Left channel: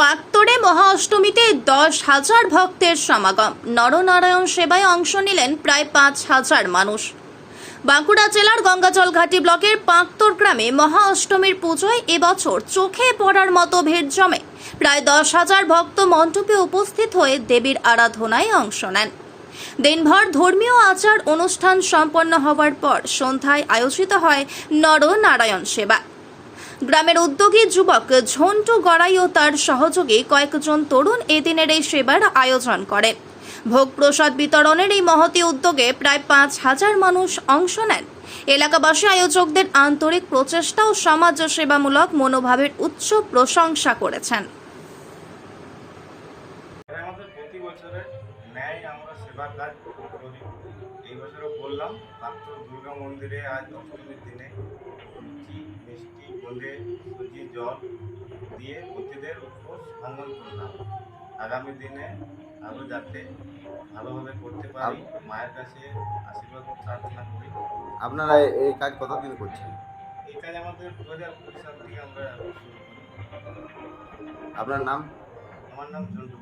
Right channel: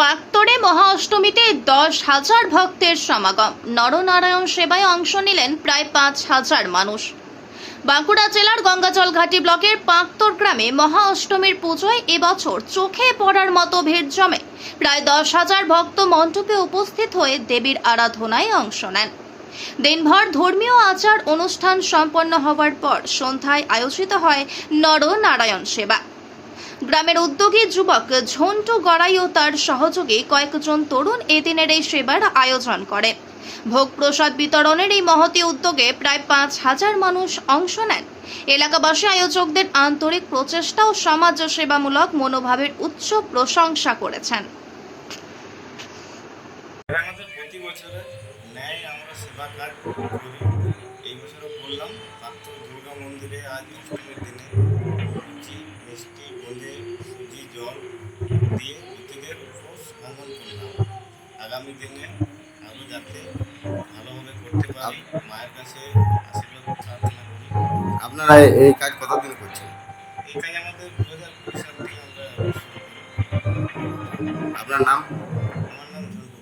পাত্তরে মহা অষ্টমীতে দশ হাজার ভক্তের সমাগম। নরনারায়ণ সেবায় অংশ নিলেন প্রায় পাঁচ হাজার মানুষ। বাঁকুড়া জেলার গঙ্গাজল ঘাটি ব্লকের পাঁকতর গ্রামে মহা অষ্টমীর পুজোয় এবছর চোখে পড়ার মতো ভিড় জমে। প্রায় দশ হাজার ভক্ত মণ্ডপে উপস্থিত হয়ে দেবীর আরাধনায় অংশ নেন। দিনভর ধর্মীয় আচার অনুষ্ঠান সম্পন্ন হওয়ার পর সন্ধ্যায় আয়োজিত হয় নরনারায়ণ সেবা। গ্রামের উদ্যোগী যুবক ঝন্টু গড়াই ও তার সহযোগী কয়েকজন তরুণ এদিনের এই সেবার আয়োজন করে। ভোগ প্রসাদ বিতরণের এই মহতি উদ্যোগে প্রায় পাঁচ হাজার মানুষ অংশ নেন। এলাকাবাসী আয়োজকদের আন্তরিক প্রচেষ্টা ও সমাজ সেবামূলক মনোভাবের উচ্চ প্রশংসা করেছেন। সেবা কাজ করি। এই বছরও দুর্গা মন্দিরে আজ অষ্টমীর দিনে লুচি মিষ্টি বোঁদে সুজি জল দিয়ে প্রতিদের উপোস ভ্রমণ করলাম। আগামী দিনে আরও যাতে ভালোভাবে করতে পারি মায়ের কাছে আশীর্বাদ প্রার্থনা করি। আপনারা এই কাজ কতদিন করছেন? এই কাজ আমাদের দু হাজার কুড়ি সাল থেকে আমরা শুরু করি। আপনার নাম? আমার নাম ঝন্টু